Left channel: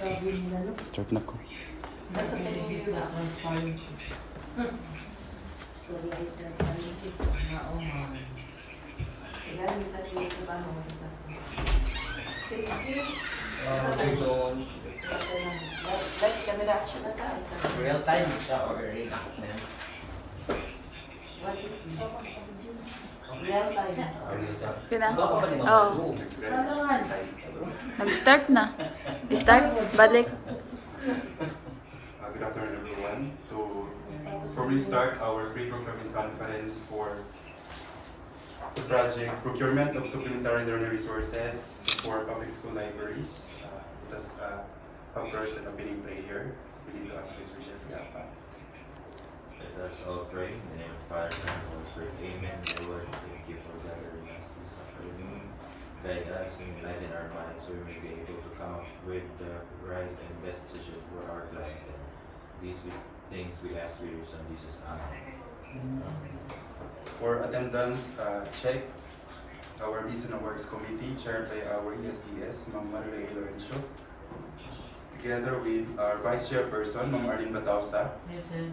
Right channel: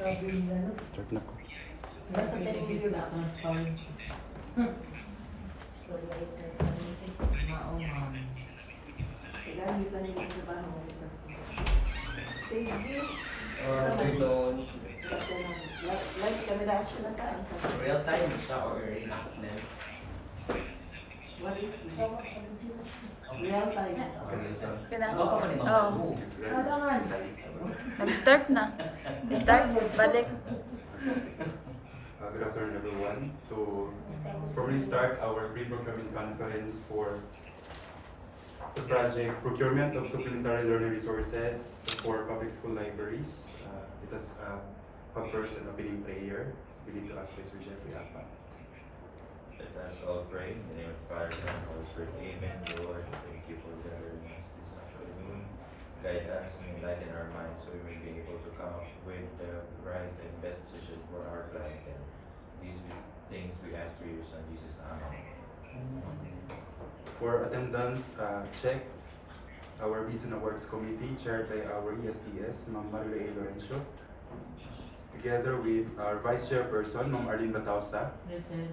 Start na ko. Basta 10 million na. Transparency. Story ay transparency. Kailangan nito na yung trabaho mo sa safety. Lagi kami reaction na tayo. Real time siya or reenactment? What is this? Real time. Kailangan. Baka pa naman Oo. mag-go. Kailangan. Nag-start na. Start, balik. Good afternoon, everyone. To formally start our pre-procurement conference for the project Procurement of Supplementary Learning Resources for Public School Libraries. It has a first and opening prayer. We need to ask Pastor Jeffrey Apa. Let us all pray in the name of the Father, Son, and Holy Spirit. Amen. Lord, thank you for gathering us this afternoon. Guide us and enlighten our minds so we may be able to come up with the right and best decisions for our life. And these things we ask through your Son, Jesus. Amen. For attendance check, our Business and Works Committee, chaired by our ESTS, Ma'am Marilyn Lorenzo, together with our Vice Chairperson, Ma'am Arlene Batausa, Present.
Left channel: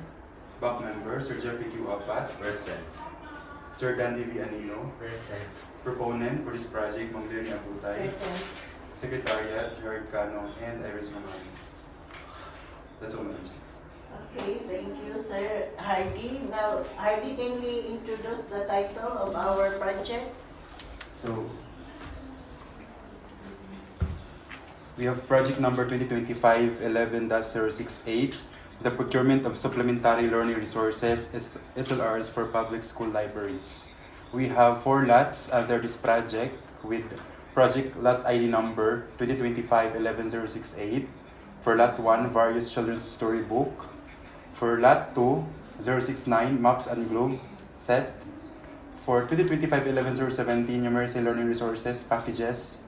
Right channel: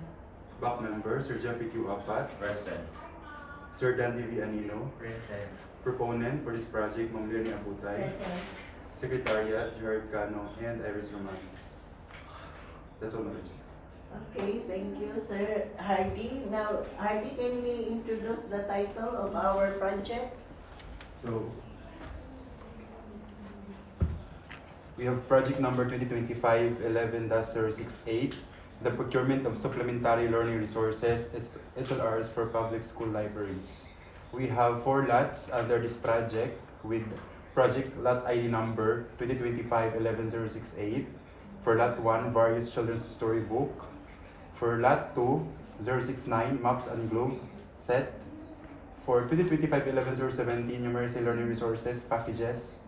back member, Sir Jeffrey Q. Apat, Present. Sir Dan D. Anino, Present. proponent for this project, Ma'am Lily Abutay, Present. Secretariat, Gerard Cano, and Iris Roman. That's all, Madam Chair. Okay, thank you, Sir Hardy. Now, Hardy, can we introduce the title of our project? So, we have project number 2025-11-068, the procurement of supplementary learning resources, SLRs for public school libraries. We have 4 lots under this project with project lot ID number 2025-11-068. For lot 1, various children's storybook. For lot 2, 069, maps and globe set. For 2025-11-017, numeracy learning resources packages.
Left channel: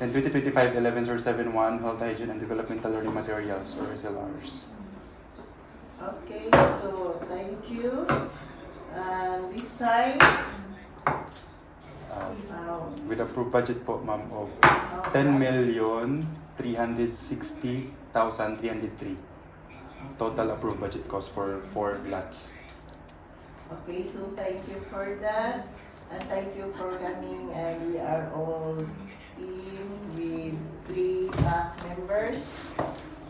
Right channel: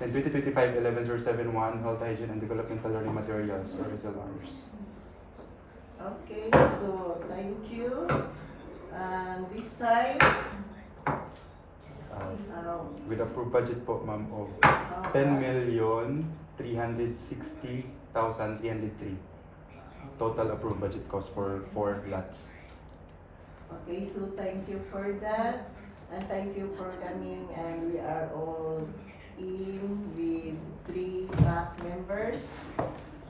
And 2025-11-071, health hygiene and developmental learning materials or SLRs. Okay, so thank you. And this time, With approved budget po, ma'am, of how 10,360,303. Total approved budget cost for 4 lots. Okay, so thank you for that. And thank you for coming, and we are all in with 3 back members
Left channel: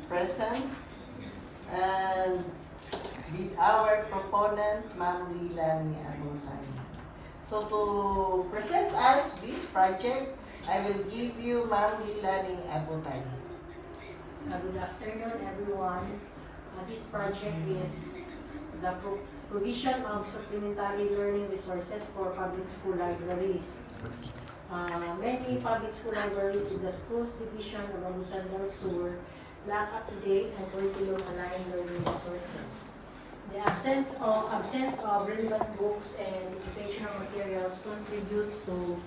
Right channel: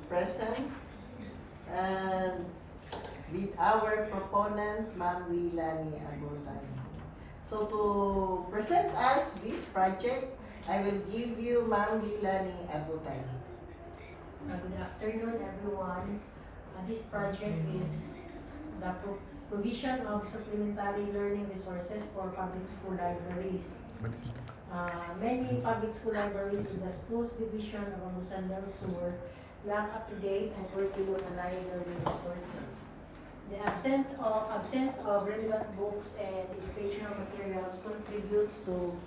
present. And with our proponent, Ma'am Lilani Abutay. So to present us this project, I will give you Ma'am Lilani Abutay. Good afternoon, everyone. This project is the provision of supplementary learning resources for public school libraries. Many public school libraries in the schools division of Agusan del Sur lack up-to-date and curriculum-aligned learning resources. The absence of relevant books and educational materials contributes to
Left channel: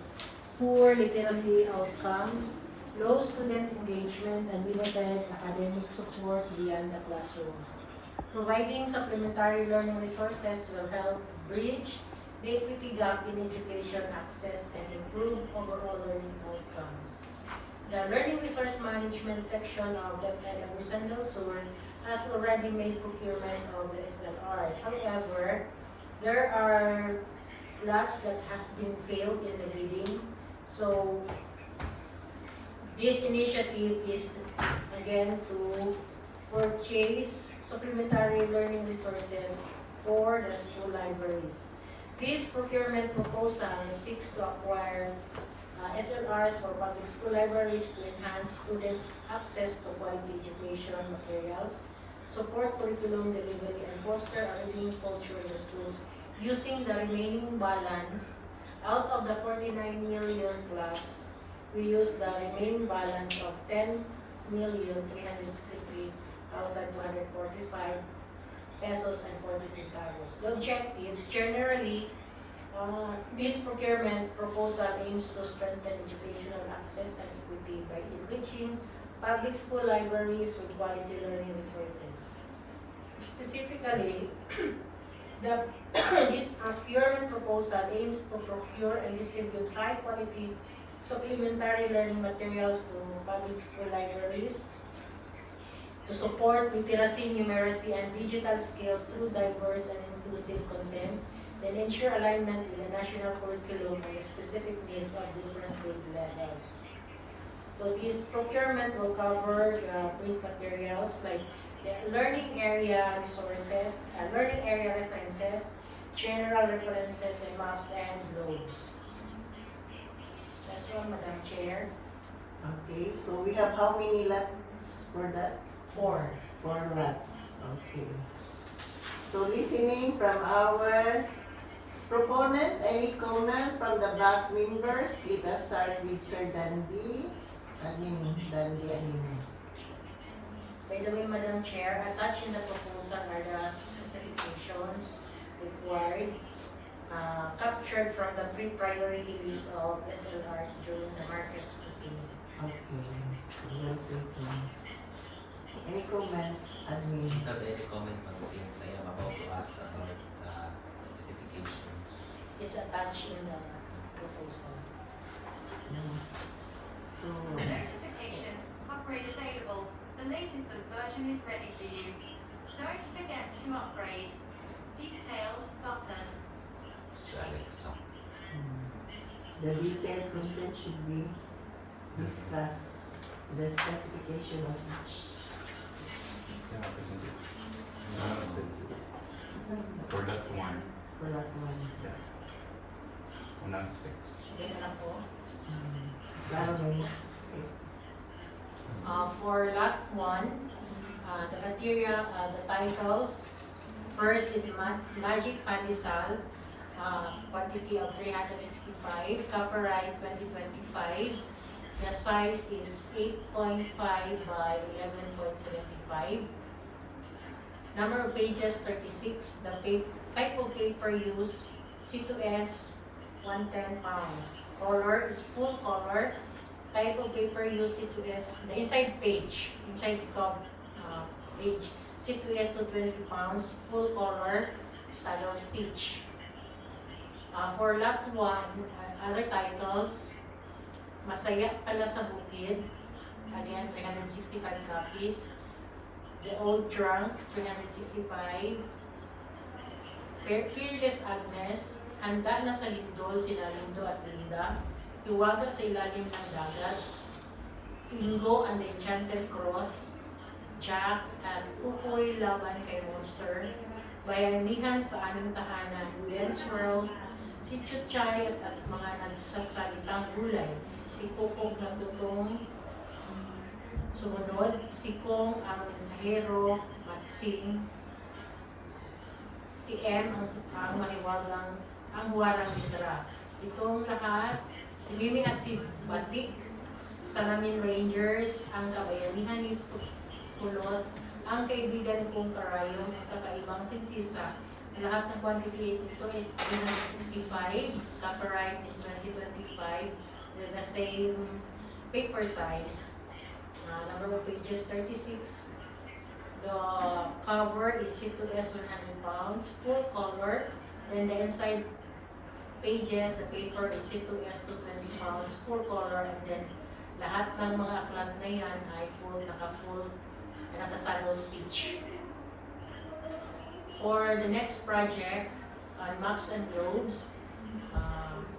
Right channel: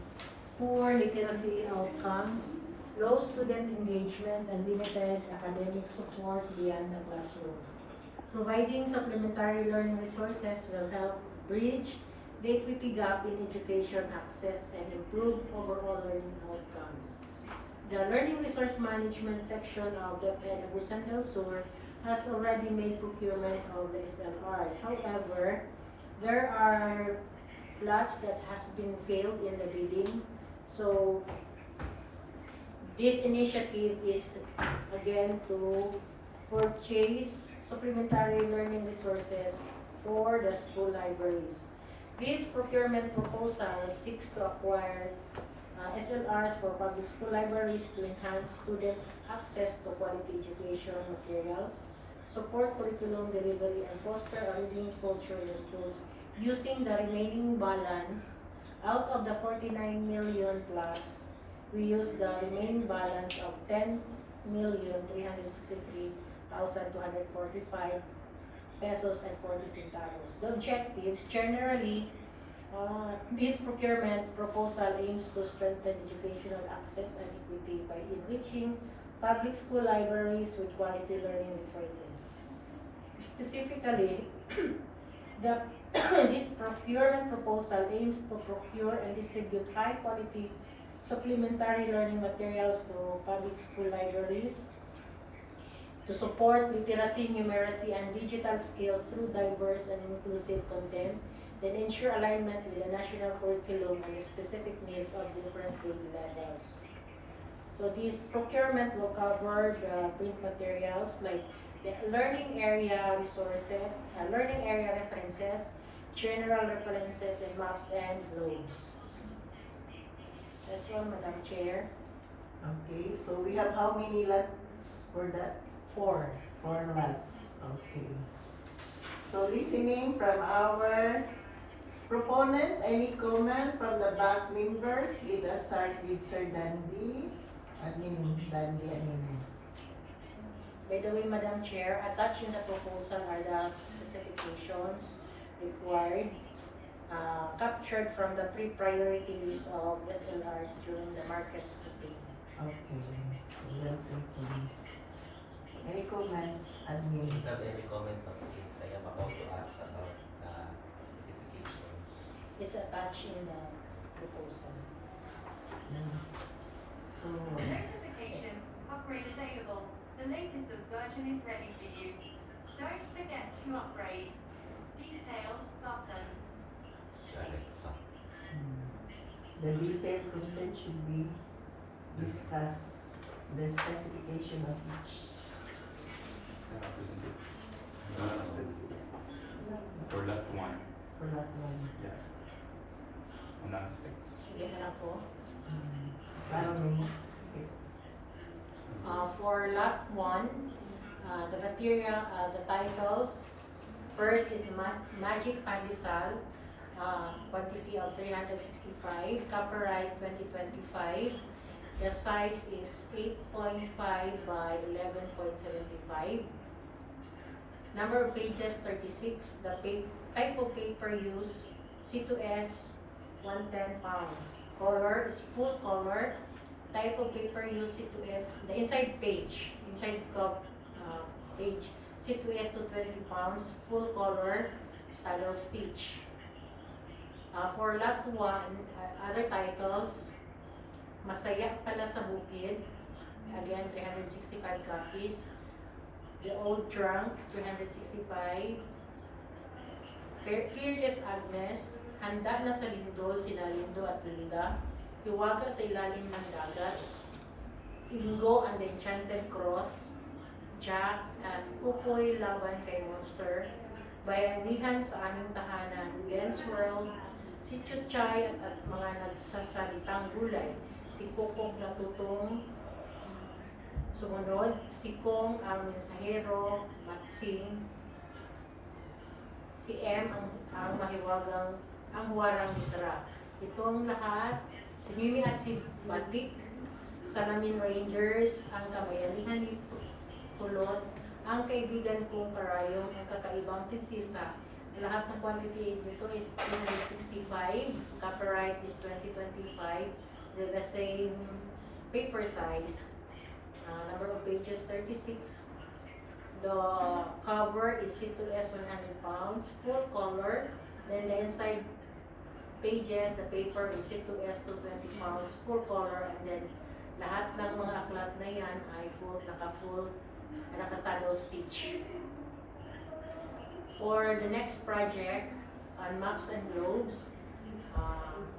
poor literacy outcomes, low student engagement, and limited academic support beyond the classroom. Providing supplementary learning resources will help bridge the equity gap in education access and improve overall learning outcomes. The Learning Resource Management section of the Agusan del Sur has already made procurement of the SLRs. However, there are lots that has been failed in the bidding. So this initiative is again to purchase supplementary learning resources for the school libraries. This procurement proposal seeks to acquire SLRs for public school libraries to enhance student access to quality education materials, support curriculum delivery, and foster a reading culture in the schools using the remaining balance out of the 49 million plus. We use the remaining balance of 10,363,245 pesos and 40 centavos. The objectives, generally, this procurement proposal aims to strengthen educational access and equity by enriching public school libraries with quality learning resources. Specifically, this procurement proposal aims to procure and distribute high-quality supplementary learning materials to public school libraries to support literacy, numeracy, and digital skills through diverse and inclusive content, then ensure alignment with the national curriculum and the specific needs of different grade levels. So this procurement will cover the print materials like the learning area resources, learning area references, general references, and maps and globes. That's all, Madam Chair. Okay, so we have how many lots for that? 4. 4 lots. Okay. So listening from our proponent, any comment from the back members? Let us start with Sir Dandy. Dandy. By the way, Madam Chair, attached in the proposal are the specifications required, captured from the pre-priority list of SLRs during the market scoping. Okay. Well taken. Any comment, admin? Don't have any comment on since I am about to ask about specifications. It's attached in the proposal. So, Notification, upgrade available. The latest version is ready for you. Don't forget to upgrade. Details button. Alexa. the detailed content should be discussed. The specification of each. For that one, For that one. on aspects. Yan na po. Dami. For lot 1, the material, the titles, first is Magic Pandesal, quantity of 365, copyright 2025. The size is 8.5 by 11.75. Number of pages 36. The type of paper used C2S 110 pounds. Color is full color. Type of paper used C2S, the inside page, page, C2S to 20 pounds, full color, saddle stitch. For lot 1, other titles, Masaya Pala sa Bukid, again 365 copies. The Old Drunk, 365. Fearless Agnes, Handa na sa Lindol, sila Lindo at Linda. Hiwaga sa ilalim ng dagat. Ingo and the Enchanted Cross. Jack at Upoy laban kay Monster. Bayanihan sa aming tahanan. Dance World. Si Chuchay at mga nagsasalitang gulay. Si Kukong natutong sumunod. Si Kong ang mensahero. Matsing. Si M ang mahiwagang ang walang litra. Itong lahat, si Mimi at si Batik, Salamin Rangers, ang kabayanihan ni Pulot, ang kaibigan kong karayong ng kakaibang prinsesa. Lahat ng quantity nito is 365, copyright is 2025 with the same paper size. Number of pages 36. The cover is C2S 100 pounds, full color. Then the inside pages, the paper is C2S to 20 pounds, full color. And then lahat ng mga aklat na yan ay full, naka-saddle stitch. For the next project, on Maps and Globes,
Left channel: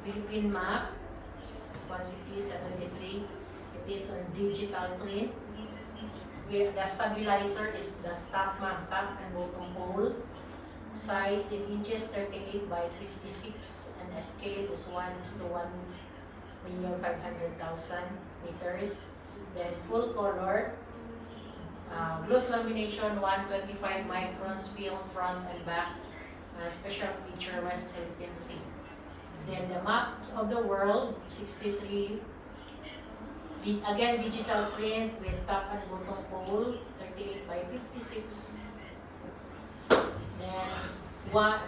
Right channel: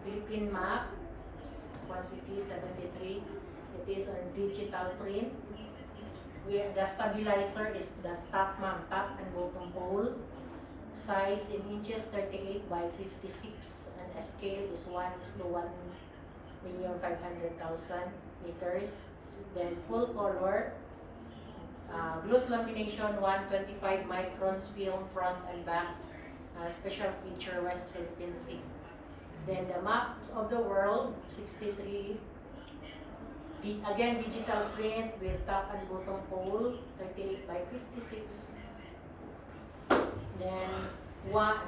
Philippine map, quantity 73. It is on digital print. The stabilizer is the top and bottom hole. Size in inches 38 by 56 and the scale is 1:1,500,000 meters. Then full color, gloss lamination 125 microns film front and back, special feature West Philippine Sea. Then the map of the world 63. Again, digital print with top and bottom pole, 38 by 56. Then,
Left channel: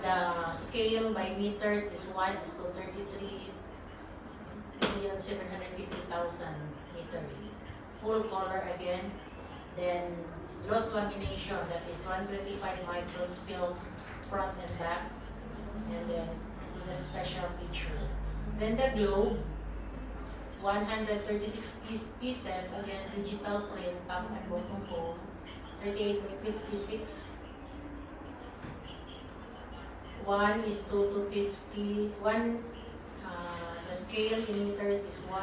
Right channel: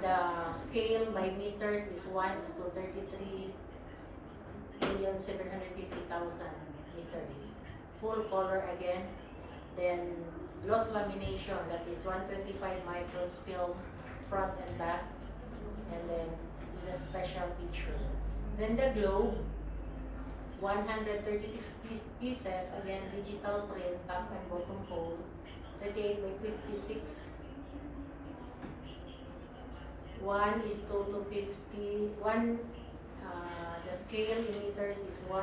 the scale by meters is 1:33,750,000 meters. Full color again. Then, gloss lamination, that is 125 microns film front and back. And then, the special feature. Then the globe, 136 pieces, again digital print, top and bottom pole, 38 by 56. 1 is to 250. The scale in meters is 1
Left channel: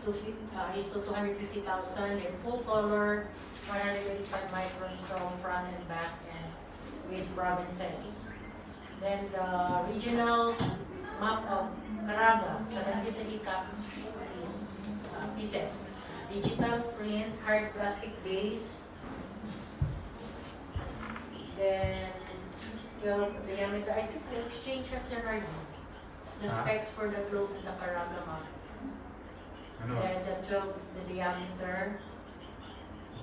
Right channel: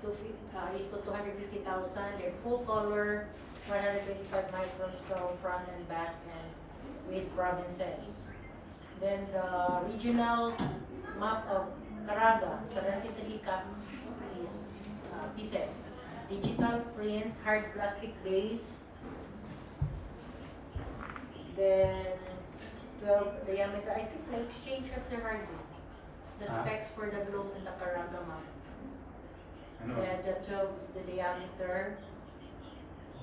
to is to 250,000, and full color 485 microns from front and back and with provinces. Then the regional map of Caraga, 73 is pieces. Digital print, hard plastic base. Then 12 diameter. I think I exchanged as the specs for the globe and the Caraga map. Ano? Then the 12 is the diameter.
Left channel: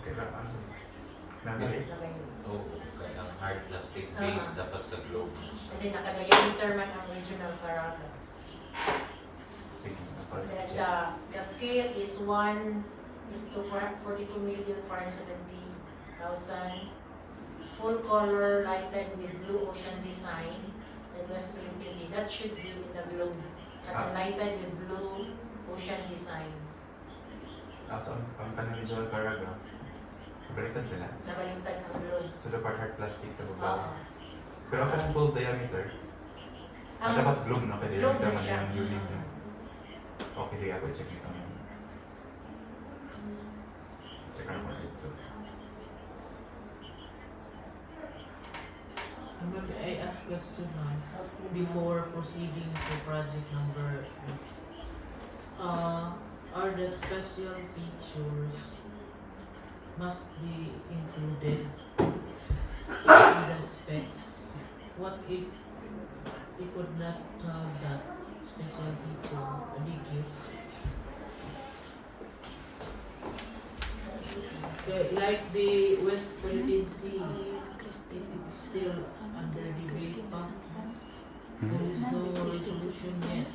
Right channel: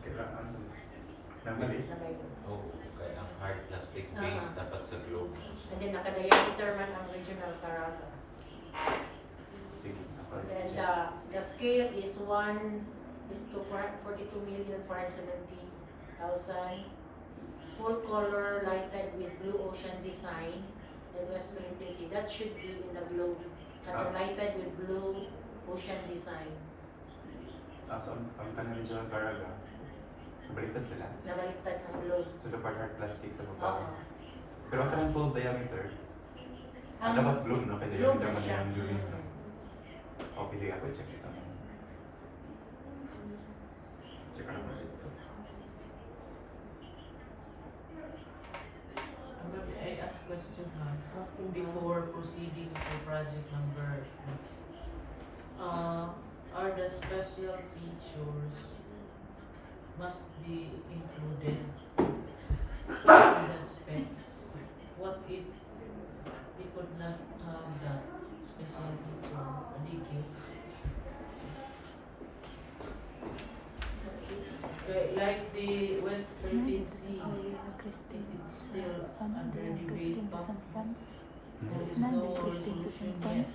Okay lang. Ano? Namili? na may globe. Oh, okay. Ang hard plastic base dapat sa globe. And then naka-diameter man ang regional Caraga. Sige. Then the scale is 1 is to 42,470,000. Full color lighted with blue ocean design. Then West Philippine Sea. That should be in the globe. Lighted with blue ocean design. So, ang kanila ni Joel Caraga, balikan sila. Nabaliktad ang globe. So, dapat hard plastic sa Oo. baba. Pero ang kanang 12 diameter, Ang dapat globe, no? Kaya globe diameter na man siya. yung unit niya. Okay, sige ako, check ito. Check ako dito. But I ask question before proceeding to project number 6. Are the special features must be included in the specs? What if we could not have that special feature, a DQ? Okay, like the West Philippine Sea, it's still under debate. There is no resolution yet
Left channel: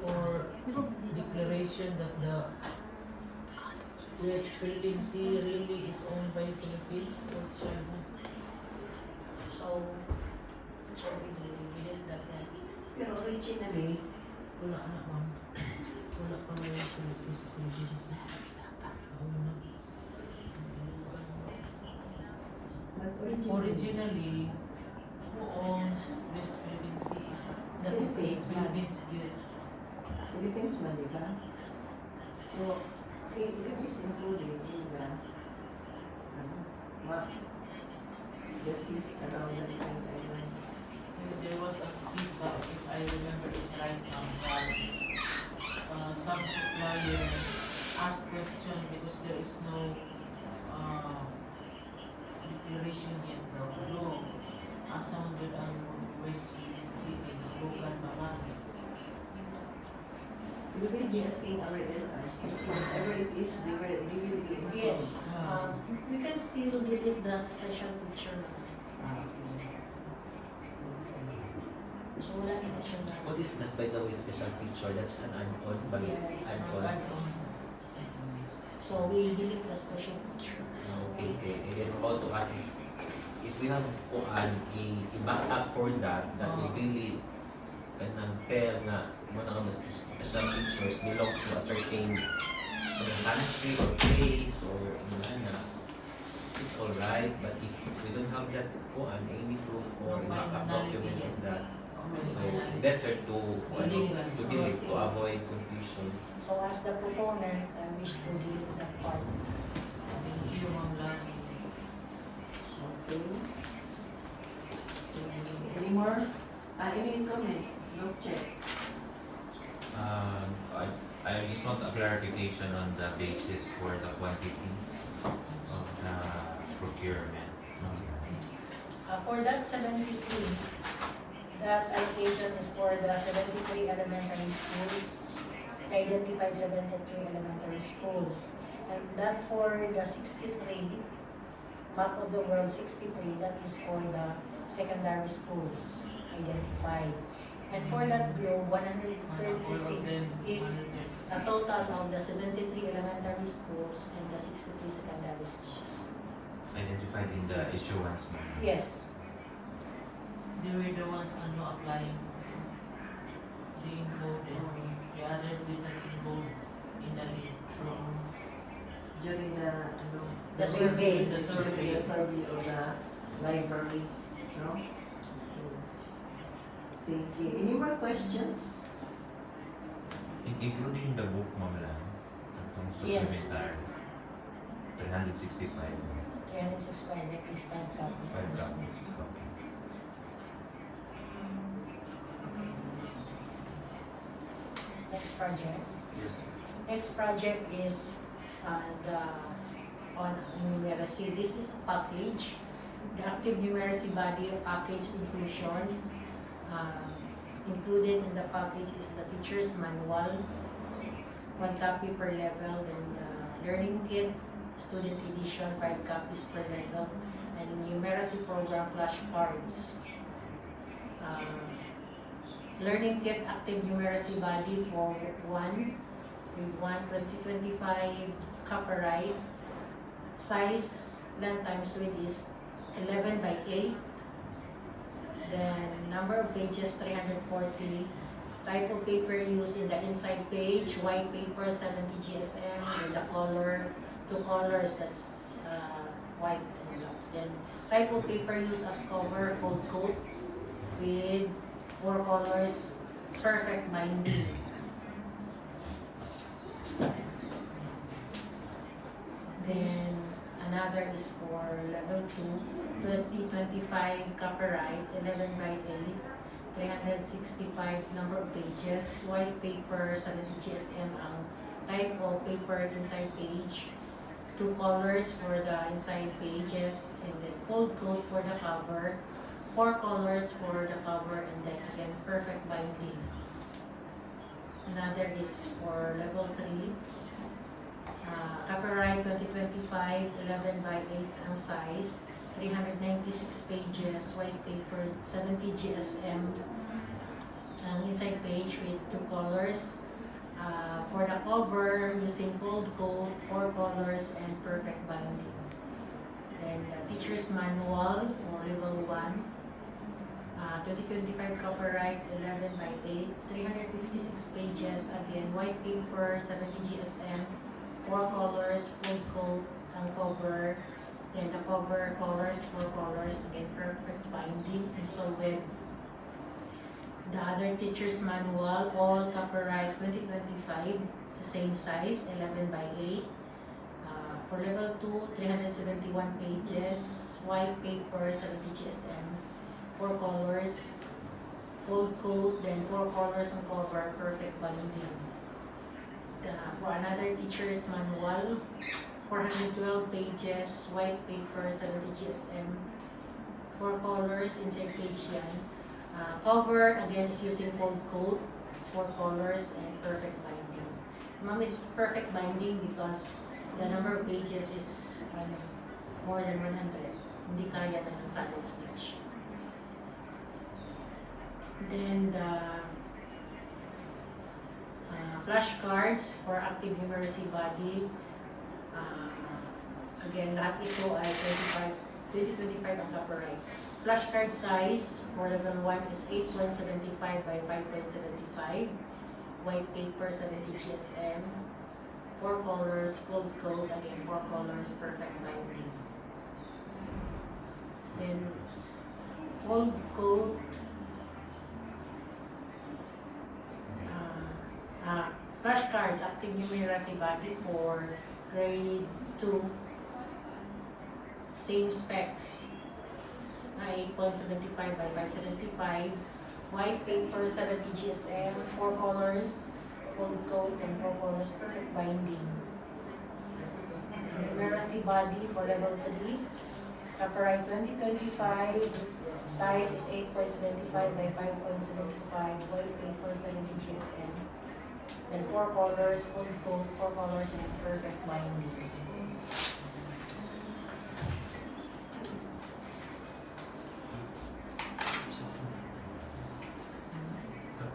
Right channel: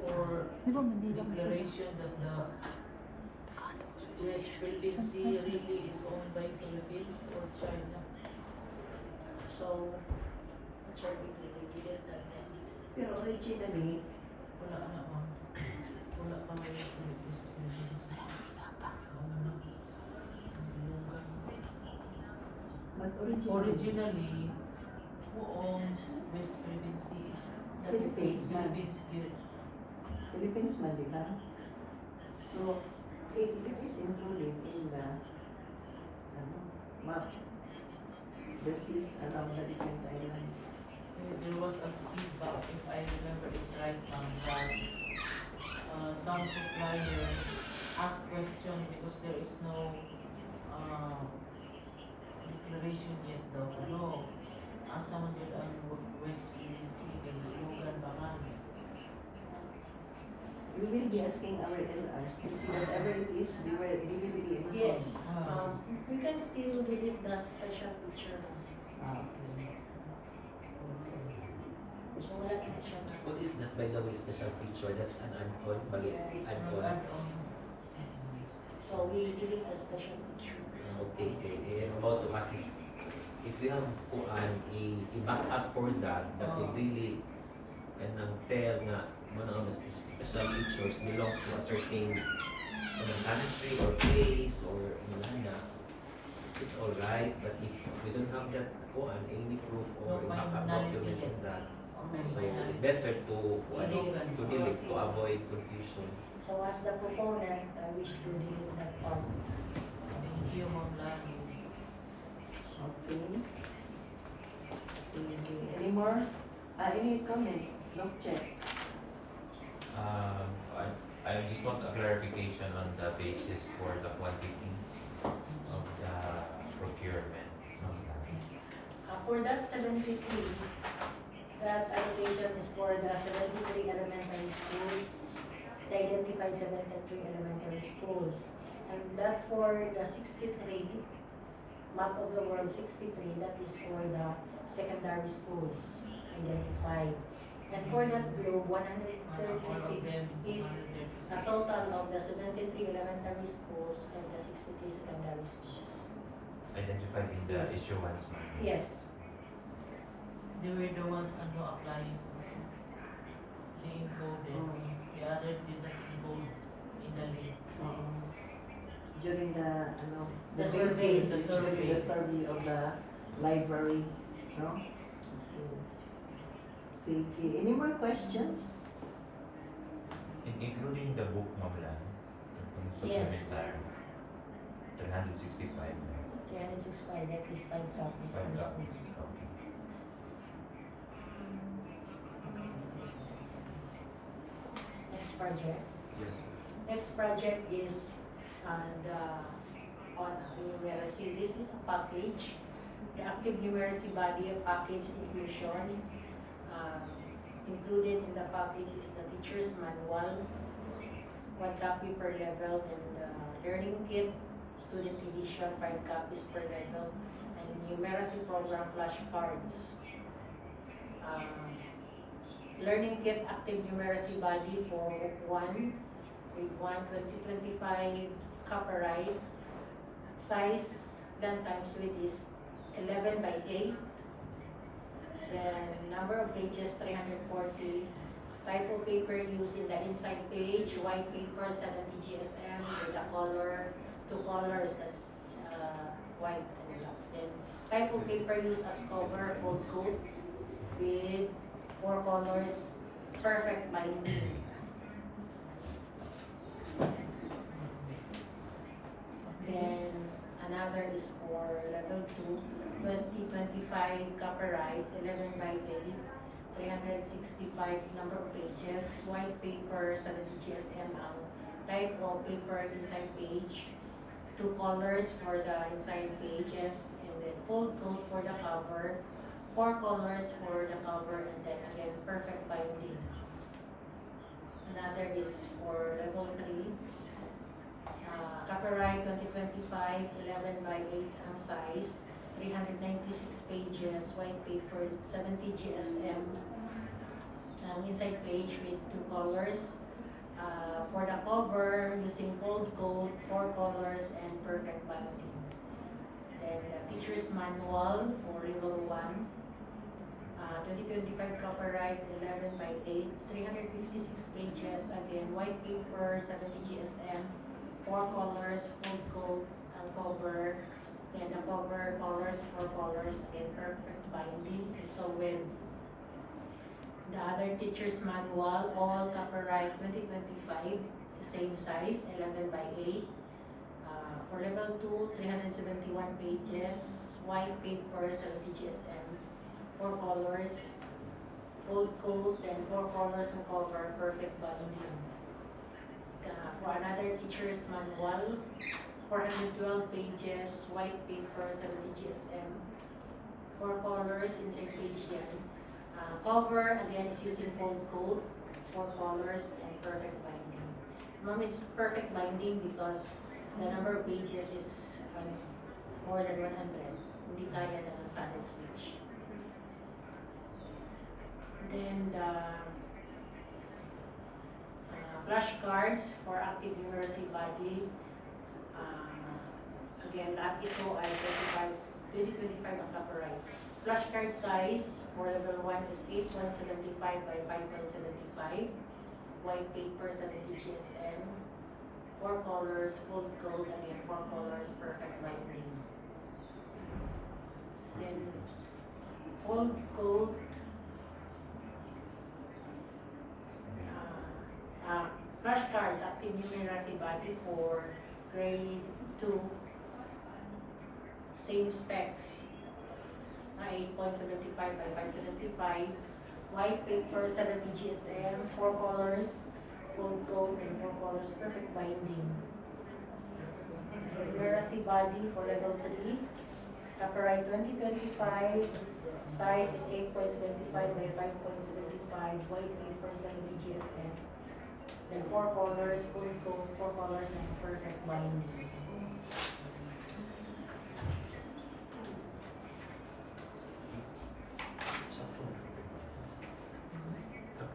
or declaration that the West Philippine Sea really is owned by Philippines or China. So, sure, we did that one. Pero originally, Wala na ma'am. Wala pa na yung Philippines Philippines. but Originally, who owns West Philippine Sea is the Philippines, ma'am. Philippines here. Philippines man, di ba? So, it is included in the map. The seas around the different islands. There was a feedback, if I remember it right, that some supplier asked question because there is no declaration yet daw. No, asa man yun ang West Philippine Sea kay Ilogan baka. We will be asking our LRs and see whatever it is, they will be informed. Yes, we can still delete the special feature. Okay. So, wala na siya na. What is that, by the way, special feature? That's an add-on, but Yeah, it's an add-on. add-on. So, we delete the special feature. Okay, I'm about to ask if we have i-back up for that we really can tell na one of the special features belongs to a certain country or place or na it's alright, but if we don't have that any proof or backup document of that, so better to delete to avoid confusion. So, as the proponent, I wish to delete that part. Thank you, Ma'am Lani. Okay. Any more? Any comment? No check. I just want a clarification on the basis for the quantity of the procurement. For that 73, that allocation is for the 73 elementary schools, the identified 73 elementary schools. And that for the 63, map of the world 63, that is for the secondary schools identified. And for that globe, 136 is a total of the 73 elementary schools and the 63 secondary schools. Identified in the issuance, ma'am. Yes. They were the ones applying also. They encoded. The others did not encode in the link. During the The survey, the survey of the library, no? Okay. Sige. Any more questions? Including the book, Ma'am Lan, itong Yes. supplementary, 365. 365, that is 5 copies. 5 per copies. school. Okay. Next project. Yes. Next project is the on numeracy. This is a package. The active numeracy body package inclusion. Included in the package is the teacher's manual, 1 copy per level, and learning kit, student edition, 5 copies per level, and numeracy program flashcards. Learning kit active numeracy body for 1 with 2025 copyright. Size, length times width is 11 by 8. Then number of pages 340. Type of paper used in the inside page, white paper 70 GSM with the color, 2 colors, that's white and black. Then type of paper used as cover, gold coat with 4 colors, perfect binding. Then another is for level 2, 2025 copyright, 11 by 8, 365 number of pages, white paper, 70 GSM ang type of paper inside page, 2 colors for the inside pages, and then full coat for the cover, 4 colors for the cover, and then perfect binding. Another is for level 3, copyright 2025, 11 by 8 ang size, 396 pages, white paper, 70 GSM, ang inside page with 2 colors. For the cover, using fold coat, 4 colors, and perfect binding. Then the teacher's manual for level 1, 2025 copyright, 11 by 8, 356 pages, again, white paper, 70 GSM, 4 colors, full coat, ang cover, then the cover colors, 4 colors, again, perfect binding. And so with the other teacher's manual, all copyright 2025, the same size, 11 by 8. For level 2, 371 pages, white paper, 70 GSM, 4 colors, full coat, then 4 colors on cover, perfect binding. For another teacher's manual, 412 pages, white paper, 70 GSM, 4 colors, insert page yan. Cover, again, is using fold coat, 4 colors, and perfect binding. Ma'am, it's perfect binding because the number of pages is more than 100. Hindi kaya na ng solid stitch. Then the flashcards for active numeracy body. Again, lahat ito ay 2025 ang copyright. Flashcard size for level 1 is 8.75 by 5.75. White paper, 70 GSM. 4 colors, full coat, again 4 colors, perfect binding. Then, full coat, flashcards, active numeracy body for grade 2. Same specs, 8.75 by 5.75. White paper, 70 GSM, 4 colors, full coat, and 4 colors, perfect binding. Numeracy body for level 3. Copyright 2025. Size is 8.75 by 5.75. White paper, 70 GSM. And 4 colors, full coat, 4 colors, and perfect binding.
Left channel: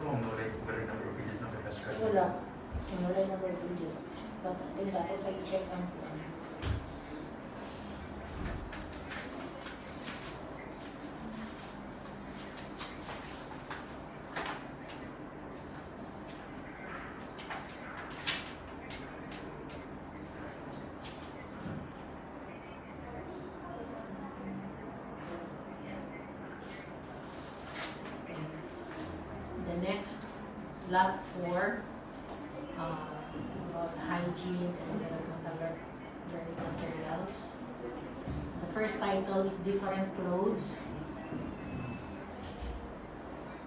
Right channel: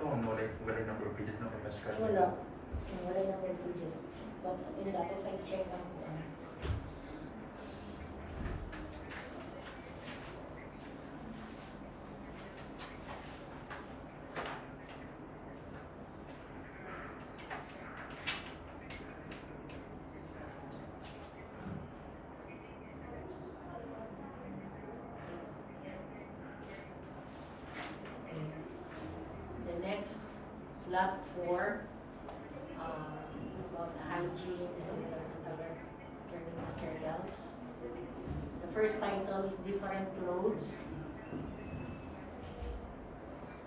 Wala number of pages ng flashcard. Wala. Wala number of pages. But it's I check ang next, lot 4, about hygiene and elemental learning materials. The first title is Different Clothes,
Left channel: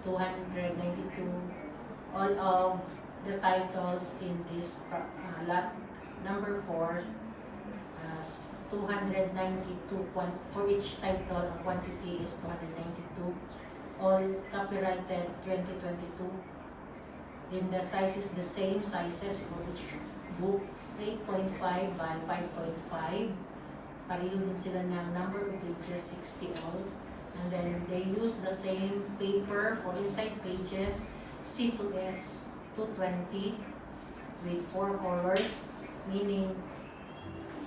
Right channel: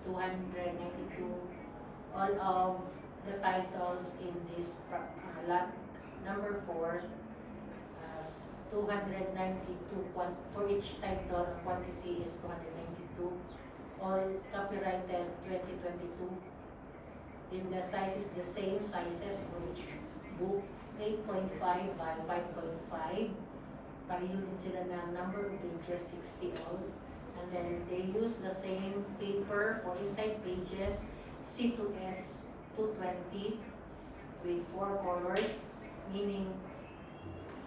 292. All of the titles in this lot number 4 has 292. For each title, a quantity is 292. All copyrighted 2022. Then the size is the same sizes for each book, 8.5 by 5.5. Pareho din sila ng number of pages, 60 all. And then they use the same paper for inside pages, C to S 220 with 4 colors, meaning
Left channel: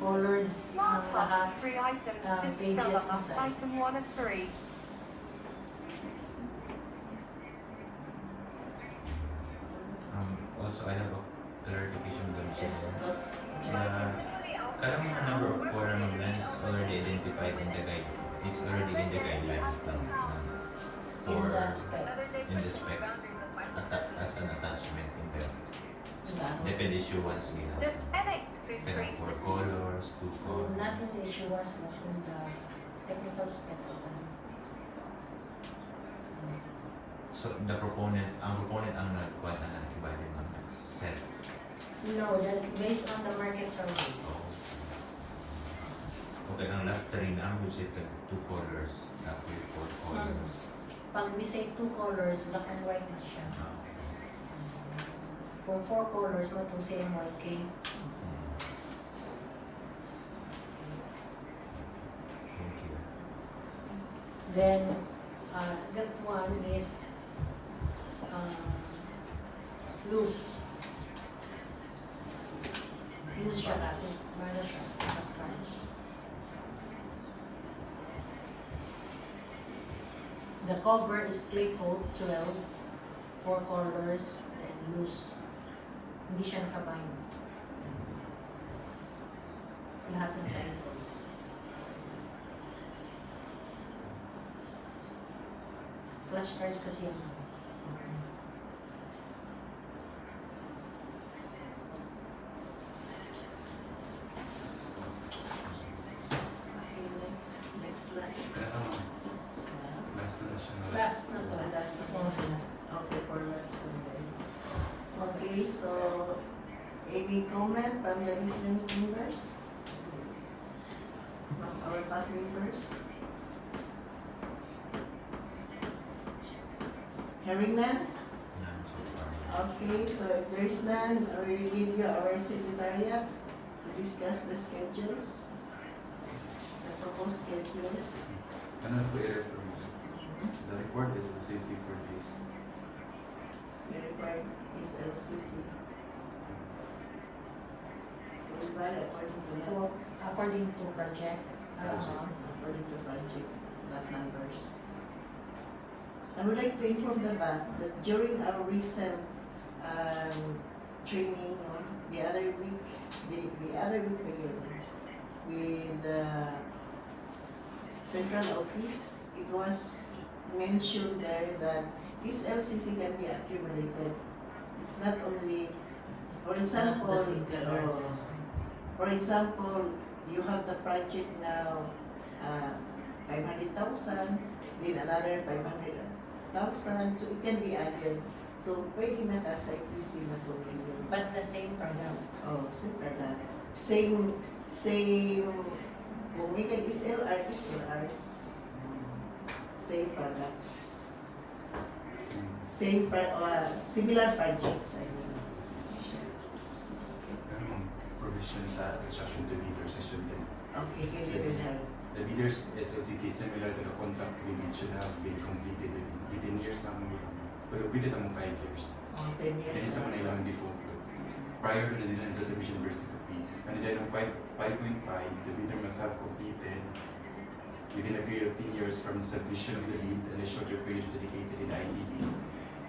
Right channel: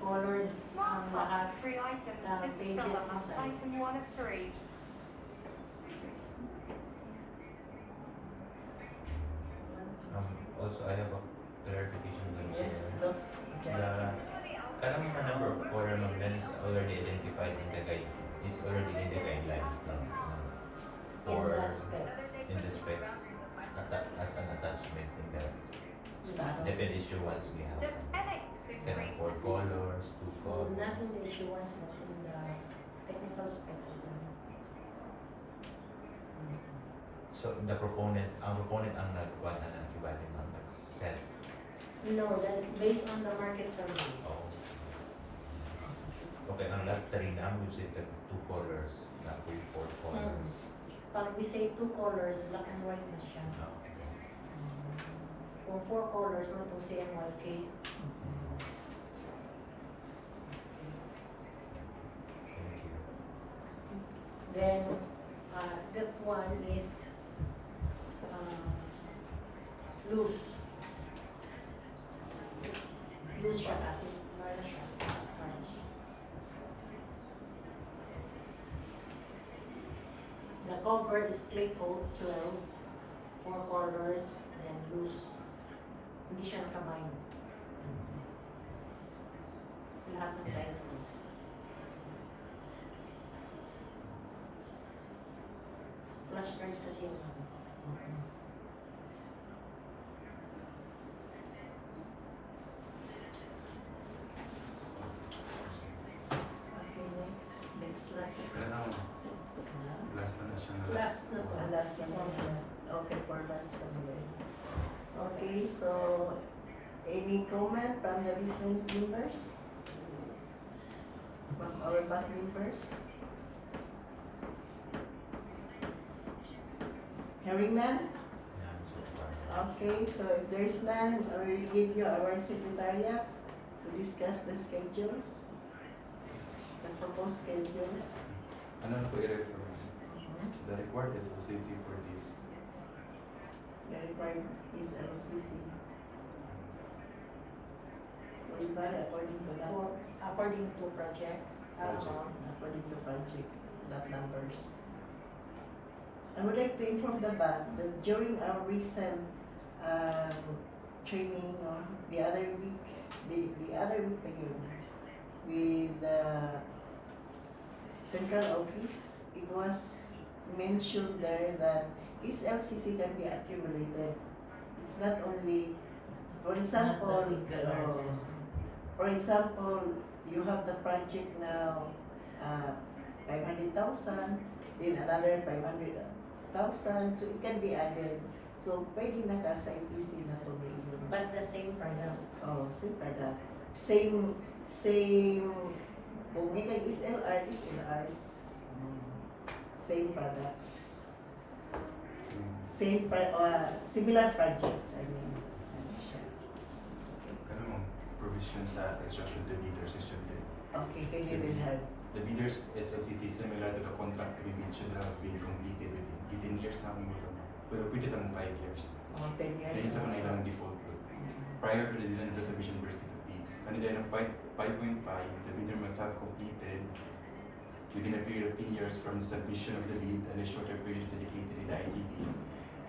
colored Smart ang Top lahat. 3 items. This is pages still up. inside. Item 1 of 3. Also, I have a clarification dun Yes, sa go. kalang mga number of color maglan is already identified in the guide, is already in the guidelines now. In For the specs. in the specs as an attachment in the Yes. depend issuance we The have. 10x with Kanang 3 4 colors, 2 Oh, colors. not in the issuance, but in the technical specs of them. So ang proponent ang nagkuha na nag-ibalik ng nag-set. No, that based on the market survey. Oh. Okay, ang lot 3 na we said the 2 colors, not with 4 colors. Pag we say 2 colors, black and white na siya. Ah. Kung 4 colors, mo itong CMYK. Thank you. Then, that one is loose. Loose siya kasi. Wala siya. Scratch. The cover is clay coat 12, 4 colors, and loose. Hindi siya nakabind. Lahat ng titles. Flashcards kasi yan. Okay, next slide. Last na siya na. Last na to. Last one. Okay, for last Sunday. Okay, so any comment from the different members? From our back members? Hearing none? None so far. Okay, so if there is none, I will give you our secretariat to discuss the schedules, the proposed schedules. Ano po i-refer mo? The report is LCC for this. The required is LCC. Will vary according to that. For, according to project. According to project, not numbers. I would like to inform the back that during our recent training the other week pa yun, with the central office, it was mentioned there that this LCC can be accumulated. It's not only, for example, for example, you have the project now, 500,000, then another 500,000, so it can be added. So, pwede naka-aside this in a tuloy. But the same product. Oh, same product. Same, kung may kay SLRs. Same products. Similar projects, I mean. Ano mong provision sa instruction to bidder section 10? Okay, can you do that? The bidder's SLCC similar to the contract we bid should have been completed within years lang ito. Pero pwede tamang 5 years. Oh, 10 years. Then isa pa na ilang default to. Prior to the deadline of the submission of recipients, on the deadline of 5.5, the bidder must have completed within a period of 10 years from the submission of the bid and a shorter period is dedicated in IDB.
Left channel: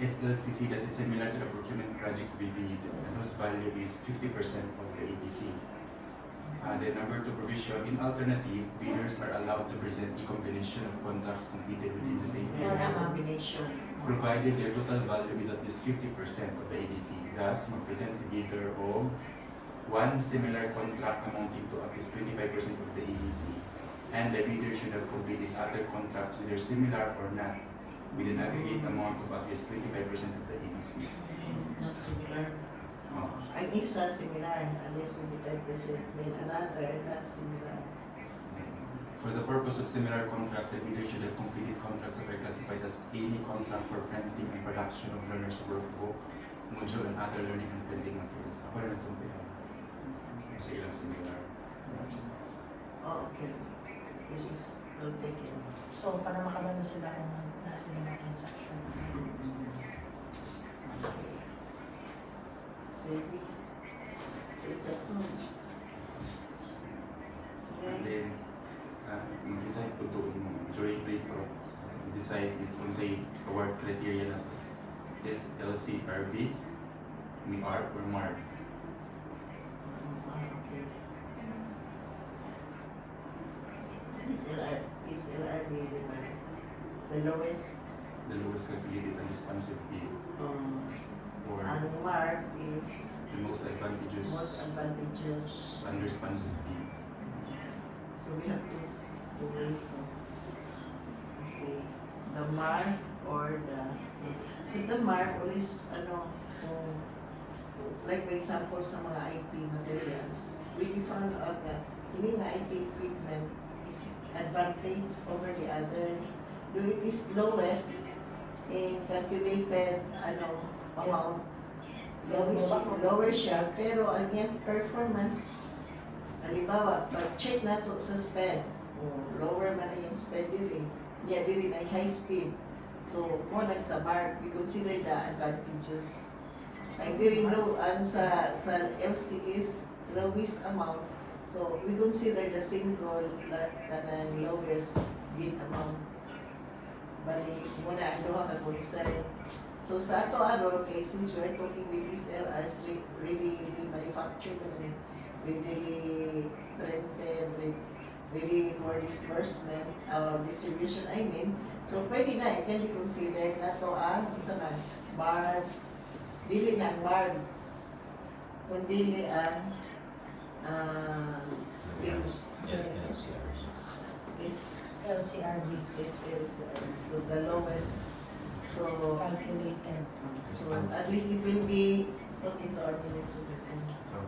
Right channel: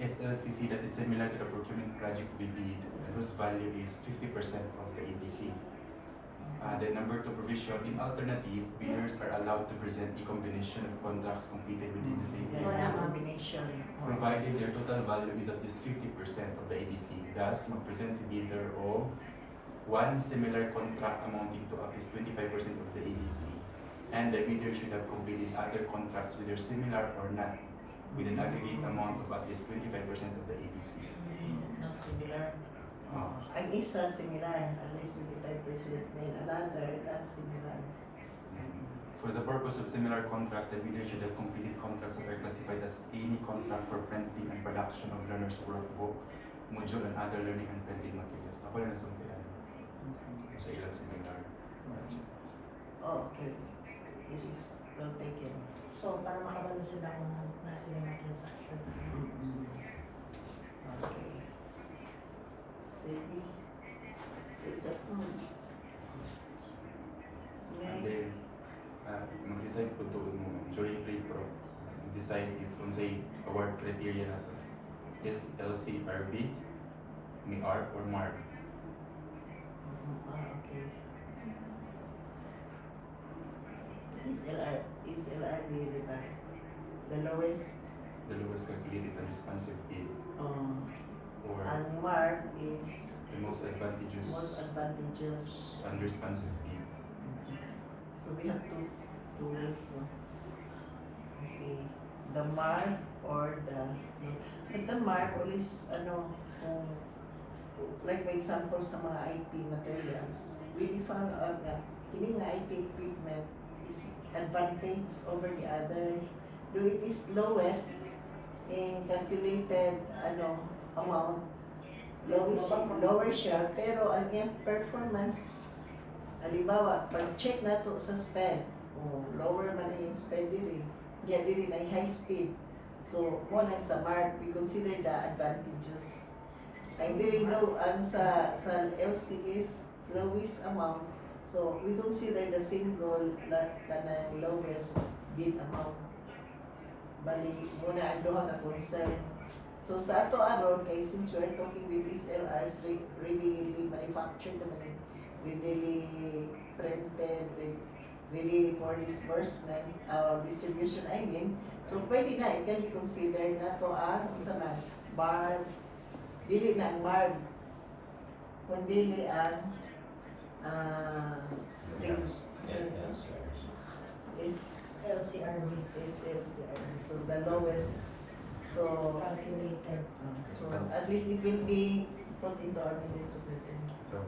SLCC that is similar to the procurement project to be bid and whose value is 50% of the ABC. Then number 2 provision, in alternative, bidders are allowed to present a combination of contracts completed within the same Yeah, period, combination. provided their total value is at least 50% of the ADC. Thus, mag-present si bidder o one similar contract amounting to at least 25% of the ADC, and the bidder should have completed other contracts whether similar or not, with an aggregate amount of at least 25% of the ADC. Not similar. Ang isa similar, at least 25%, then another not similar. For the purpose of similar contract, the bidder should have completed contracts that are classified as any contract for printing and production of learner's workbook, module, and other learning and printing materials. Ako rin ang sumpihan. So, ilang similar projects. Oh, okay. It is well taken. So, para makabalo sila kung nasa sila na transaction. Okay. Sige. So, it's a And then, mag-decide po doon mo, jury play pro, decide if kung say award criteria na is LCRB, may R or MAR. Okay. Is LRB, di ba? The lowest, The lowest calculated and responsive bid, or ang mark is the most advantageous most advantageous. unresponsive bid. So we have two ways, no? Okay. The mark or with the mark always, kung, like for example sa mga IT materials, we found out that hindi nga IT equipment is advantage over the other. Though it is lowest in calculated amount, lower siya, pero ang iyang performance, halimbawa, pag-check nato sa sped, lower man na yung sped diri, niya diri na high speed. So, mo na sa mark, we consider the advantages. Ang diri low, ang sa LC is lowest amount. So, we consider the single kanang lowest bid amount. Bali, muna ang duha ka concern. So, sa ato aron, kay since we're talking with SLRs, really manufactured naman really printed, really for disbursement, distribution, I mean. So, pwede na, it can be considered na to ang sa man, bar, dili na ang bar, kundi ang sales. Is LCRB so the lowest. So calculated. at least it will be put into our minutes of it. So,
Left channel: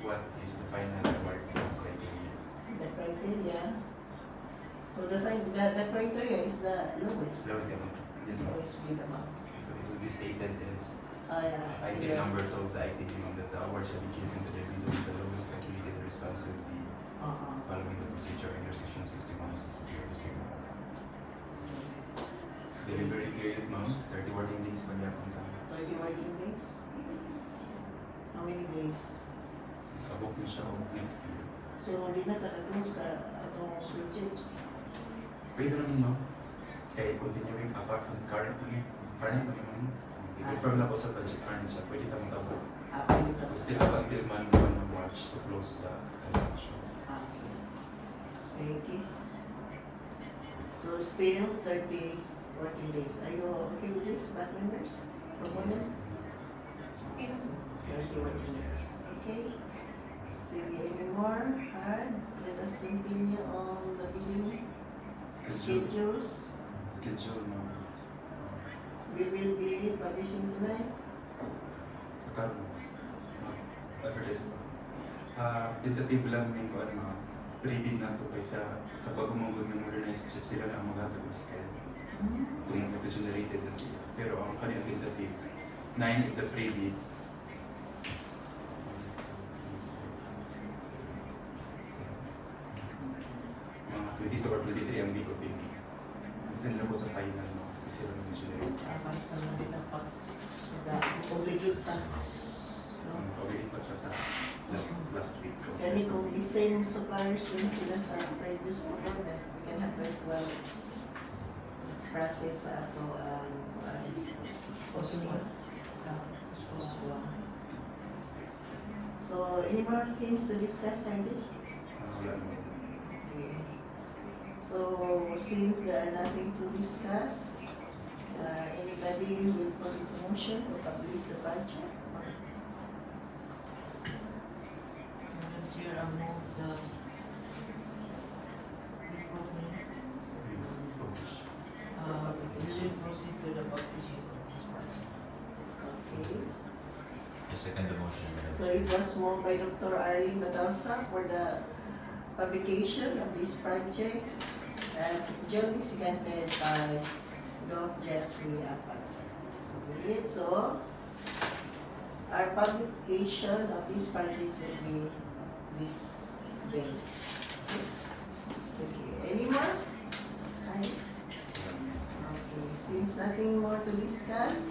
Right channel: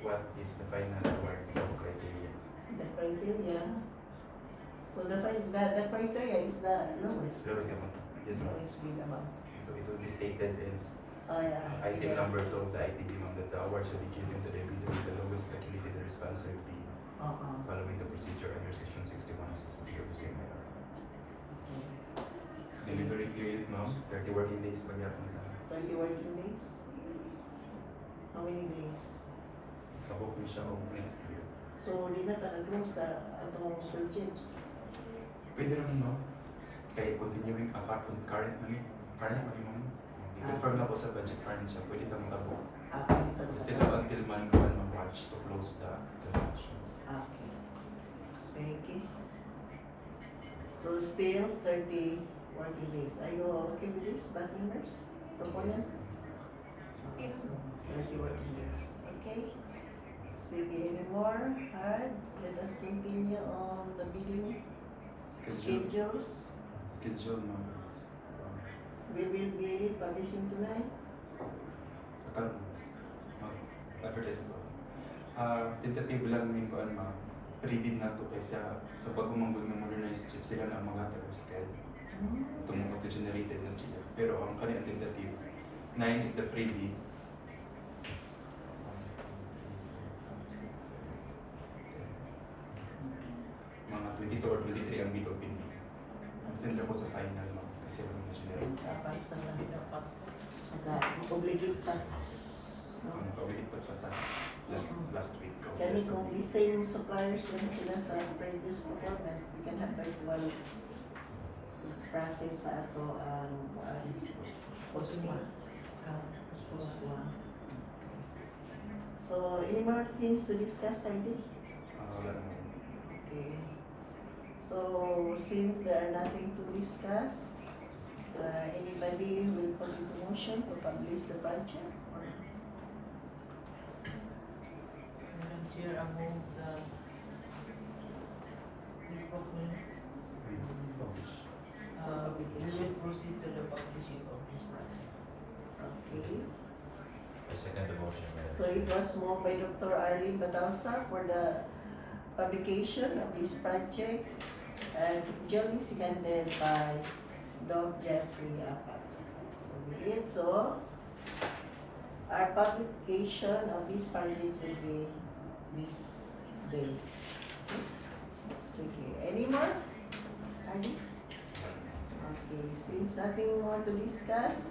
what is the final award criteria? The criteria. So the criteria is the lowest. Lowest amount. Yes, ma'am. Lowest bid amount. So, it will be stated as Oh yeah. item Yeah. number 2 of the ITB that the award shall be given to the bidder with the lowest calculated and responsive bid following the procedure under section 61 SSD of the same law. Delivery period, ma'am, 30 working days magyapon ka. 30 working days. How many days? Kabok mo siya o next year. So di na talaga sa atong projects. Pwede naman, ma'am. Kaya continuing currently, i-confirm na ko sa budget current siya. Pwede ka magkabok. Pwede pa ba? Still up until month 1 of March to close the transaction. Okay. Sige. So still 30 working days. Are you okay with this, back members? Proponents? Okay. 30 working days. Okay. Sige, any more? Hard? Let us continue on the bidding schedules. Schedule, ma'am. We will be publishing tonight. Karon advertise mo. Tentative lang ning kuan ma'am. Pre-bid na to kaysa sa pagmamanggod ng modernized chip sila na ang maghatag og scale. Itong auto-generated na sila. Pero ang kanilang tentative 9 is the pre-bid. Mga 22 or 23 ang bid opening. Ang send lang ko sa final no. Kasi sila nang generate. Tapos pa na rin ang pas. Obligate ka. No? Already pa siya sa last week. of Kani this kung week. the same suppliers na sila sa previous procurement, we can have virtual process sa ato ang Possible. So, any more things to discuss, Sandy? Lanwin. Okay. So, since there are nothing to discuss, anybody will put a motion to publish the budget? Madam Chair, I move the we will proceed to the publishing of this project. Okay. I second the motion, Madam So it was moved by Dr. Arlene Batausa for the publication of this project and duly seconded by Doc Jeffrey Apat. Okay, so our publication of this project will be this day. Okay, any more? Any? Okay, since nothing more to discuss,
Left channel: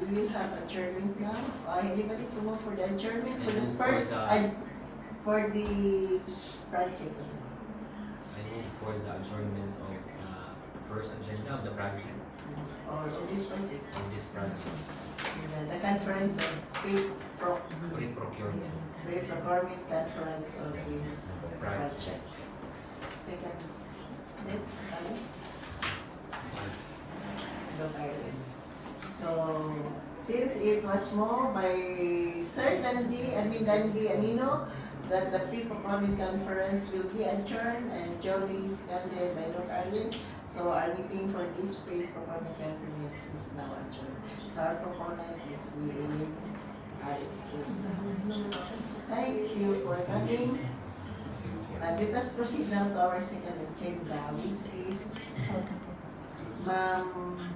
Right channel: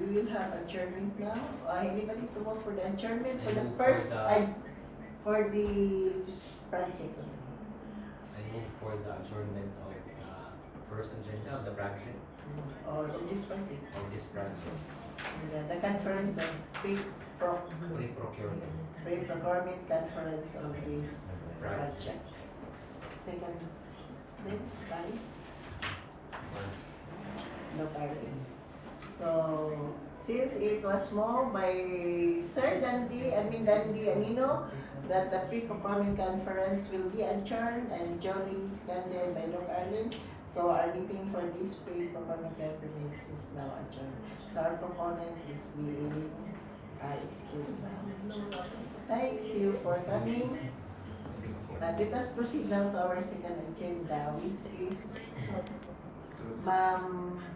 we will have adjournment now. Anybody to move for the adjournment for the I move first, for for the project? I move for the adjournment of the first agenda of the project, Or this project? of this project, The conference of pre-procurement. pre-procurement conference of this project. Second, then, no, so, since it was moved by Sir Dandy, Dandy Anino, that the pre-procurement conference will be adjourned and Jolly seconded by Doc Arlene. So our meeting for this pre-procurement conference is now adjourned. So our proponent is being excused now. Thank you for coming. And let us proceed now to our second agenda, which is Ma'am